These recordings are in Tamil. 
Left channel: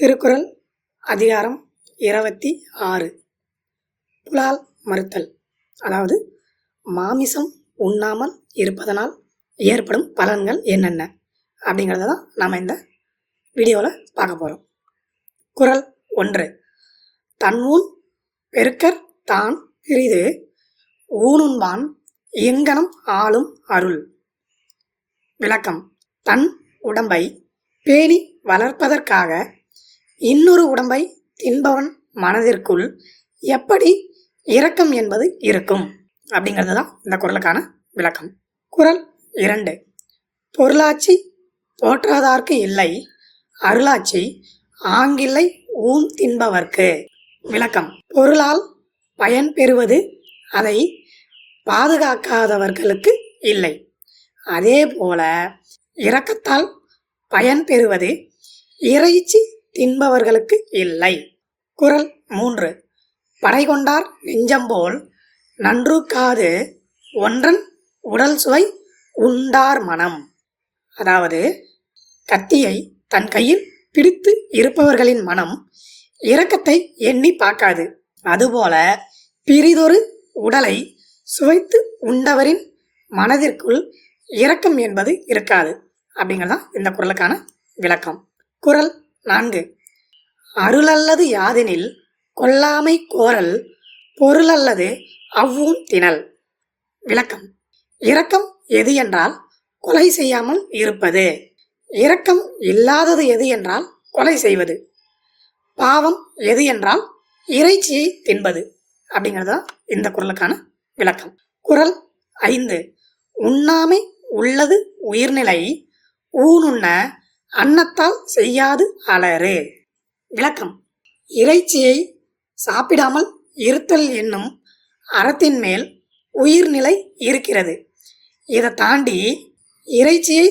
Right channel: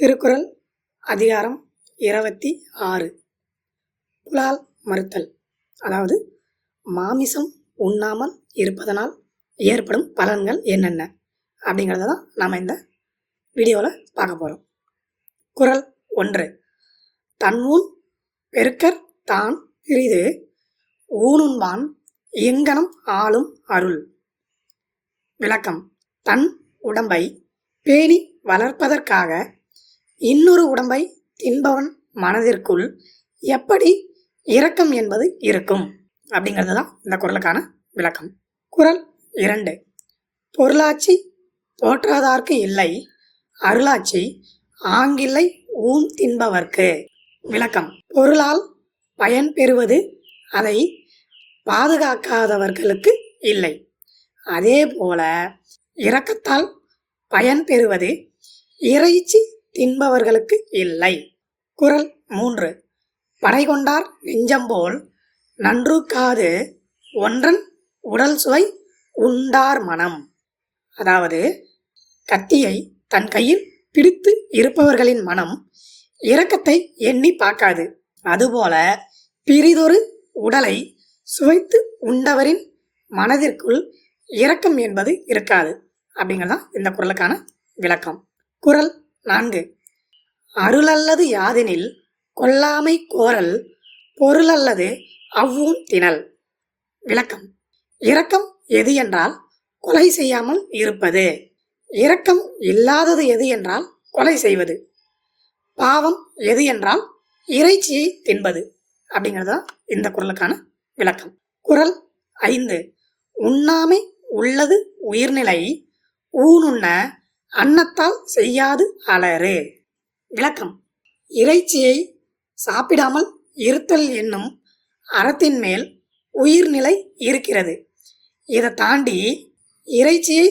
திருக்குறள் அதிகாரம் 26. புலால் மறுத்தல். அதாவது மாமிசம் உண்ணாமல் இருப்பதனால் ஏற்படும் பலன்கள் என்னென்ன அப்படிங்கிறத தான் நாம் இந்த வீடியோவில் பார்க்க போகிறோம். குறள் 1. தன்ஊன் பெருக்கற் தான் பிறிது ஊனுண்பான் எங்கனம் ஆளும் அருள். விளக்கம். தன் உடம்பை பேணி வளர்ப்பதற்காக இன்னொரு உடம்பை தின்பவன் மனதிற்குள் எப்படி இரக்கம் என்பது இருக்கும் அப்படிங்கிறது தான் இந்த குறளுக்கான விளக்கம். குறள் 2. பொருளாட்சி போற்றாதார்க்கு இல்லை, அருளாட்சி ஆங்கில்லை ஊன் தின்பவர்க்கு. விளக்கம். பொருளால் பயன் பெறுவது அதை பாதுகாக்காதவர்களுக்கு இல்லை. அதே போல இரக்கத்தால் பயன் பெறுவது இறைச்சி தின்பவர்களுக்கு இல்லை. குறள் 3. படை கொண்டார் நெஞ்சம்போல் நன்றுக்காது ஒன்றன் உடல் சுவை உண்டார் மனம். அதாவது கத்தியை தன் கையில் பிடித்து இருப்பவர்களின் மனம் இரக்கத்தை எண்ணி பார்க்காது. அதுபோல பிறிதொரு உடலை சுவைத்து உண்டவரின் மனதிற்குள் இரக்கம் என்பது இருக்காது அப்படிங்கிறதான் இந்த குறளுக்கான விளக்கம். குறள் 4. அருளல்லது யாதெனில் கொல்லாமை கோரல் பொருளல்லது அவ்வூன் திணல். விளக்கம். இரக்கம் எது என்றால் கொலை செய்யாமல் இருப்பது. இரக்கம் இல்லாதது எது என்றால் கொலை செய்வது. பாவம் எது என்றால் இறைச்சியை தின்பது அப்படிங்கிறதுதான் இந்த குறளுக்கான விளக்கம். குறள் 5. உண்ணாமை உள்ளது உயிர்நிலை ஊனுண்ண அன்னத்தால் செய்யாது அலறு. விளக்கம். இறைச்சியை சாப்பிடாமல் இருத்தல் என்னும் அறத்தின் மேல் உயிர்நிலை இருக்கிறது. இதை தாண்டி இறைச்சியை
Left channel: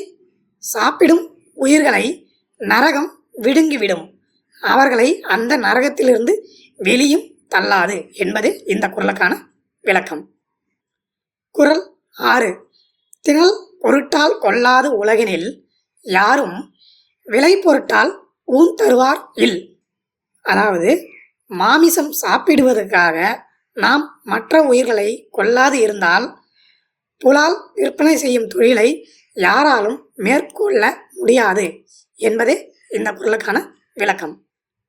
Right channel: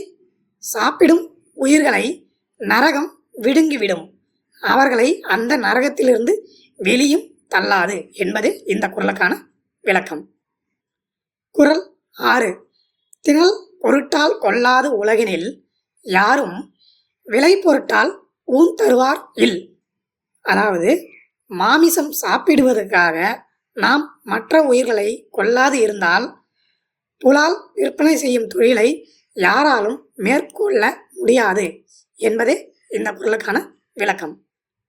சாப்பிடும் உயிர்களை நரகம் விழுங்கிவிடும். அவர்களை அந்த நரகத்திலிருந்து வெளியும் தள்ளாது என்பது இந்த குறளுக்கான விளக்கம். குறள் 6. திணல் பொருட்டால் கொள்ளாது உலகினில் யாரும் விலை பொருட்டால் ஊன் தருவார் இல். அதாவது மாமிசம் சாப்பிடுவதற்காக நாம் மற்ற உயிர்களை கொல்லாது இருந்தால் புலால் விற்பனை செய்யும் தொழிலை யாராலும் மேற்கொள்ள முடியாது என்பதே இந்த குறளுக்கான விளக்கம்.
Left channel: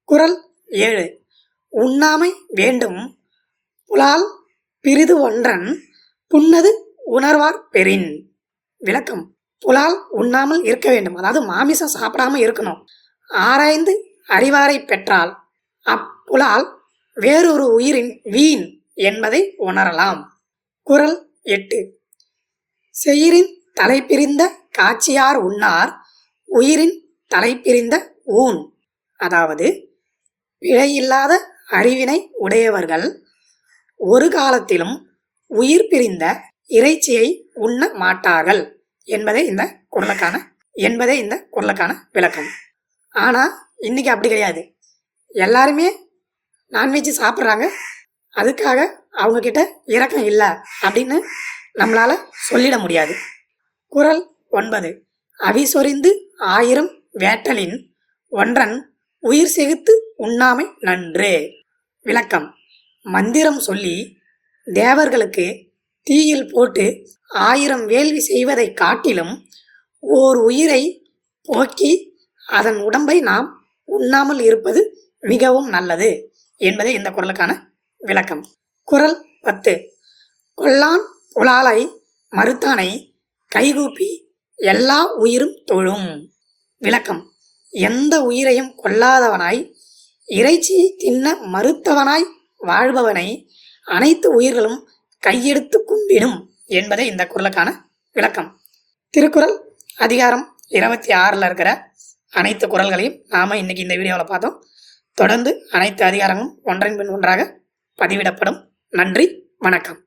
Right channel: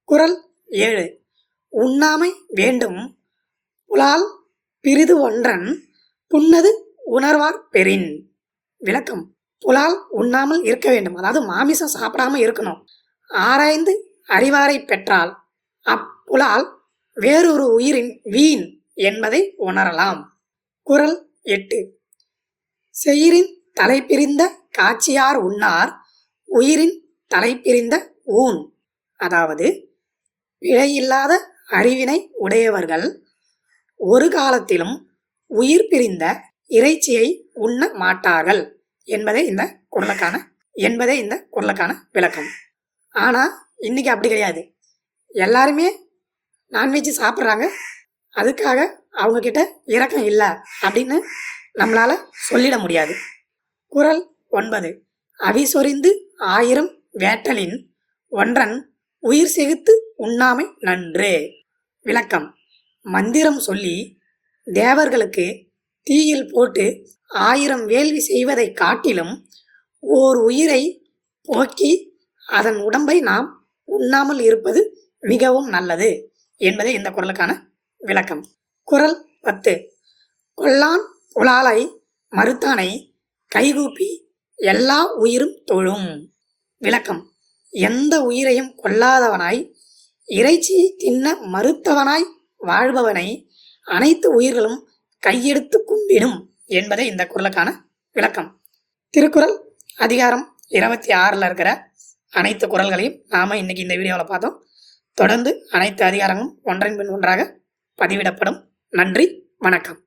குறள் 7. உண்ணாமை வேண்டும் புலால் பிறிது ஒன்றன் புன்னது உணர்வார் பெறின். விளக்கம். புலால் உண்ணாமல் இருக்க வேண்டும், அதாவது மாமிசம் சாப்பிடாம இருக்கணும். ஆராய்ந்து அறிவாரை பெற்றால் அப்புலால் வேறொரு உயிரின் வீண் என்பதை உணரலாம். குறள் 8. செயிரின் தலைப்பிரிந்த காட்சியார் உண்ணார் உயிரின் தலைப்பிரிந்த ஊன். அதாவது பிழையில்லாத அறிவினை உடையவர்கள் ஒரு காலத்திலும் உயிர் பிரிந்த இறைச்சியை உண்ண மாட்டார்கள் என்பதே இந்த குறளுக்கான விளக்கம். ஆனால் இன்னைக்கு அப்படி கிடையாது. எல்லாருமே நான்வெஜ் சாப்பிட்றாங்க. அதுக்காக அவங்க கிட்ட இரக்கம் இல்லை அப்படின்னு நம்மளால சொல்லிட முடியாது. குறள் 9. அவிசொரிந்து 1000 வேட்டலின் ஒன்றன் உயிர் செகுத்து உண்ணாமை நன்று. விளக்கம். மந்திரம் சொல்லி தேவர்களுக்கு தீயில் போட்டு 1000 வேள்வி செய்வதை காட்டிலும் ஓர் உயிரை போக்கி அதன் உடம்பை நாம் உண்ணாமல் இருப்பது மிகவும் நல்லது என்பதே இந்த குறளுக்கான விளக்கம். குறள் 10. கொல்லான் புலாலை மறுத்தானை கைகூப்பி எல்லா உயிரும் தொழும். விளக்கம். எந்த உயிரையும் கொல்லாதவனாய் இறைச்சியை தின்ன மறுத்தவனாய் வாழ்பவனை அனைத்து உயிர்களும் கையெடுத்து கும்பிடும் என்பதே இந்த குறளுக்கான விளக்கம். திருக்குறள் அதிகாரம் 26 இருக்கிற அனைத்து குறள்களையும் நாம இன்னைக்கு இந்த வீடியோவில் பார்த்தோம். தொடர்ந்து அனைத்து அதிகாரங்களும் ஒன்றன் பின் ஒன்றாக பதிவிடப்படும். நன்றி, வணக்கம்.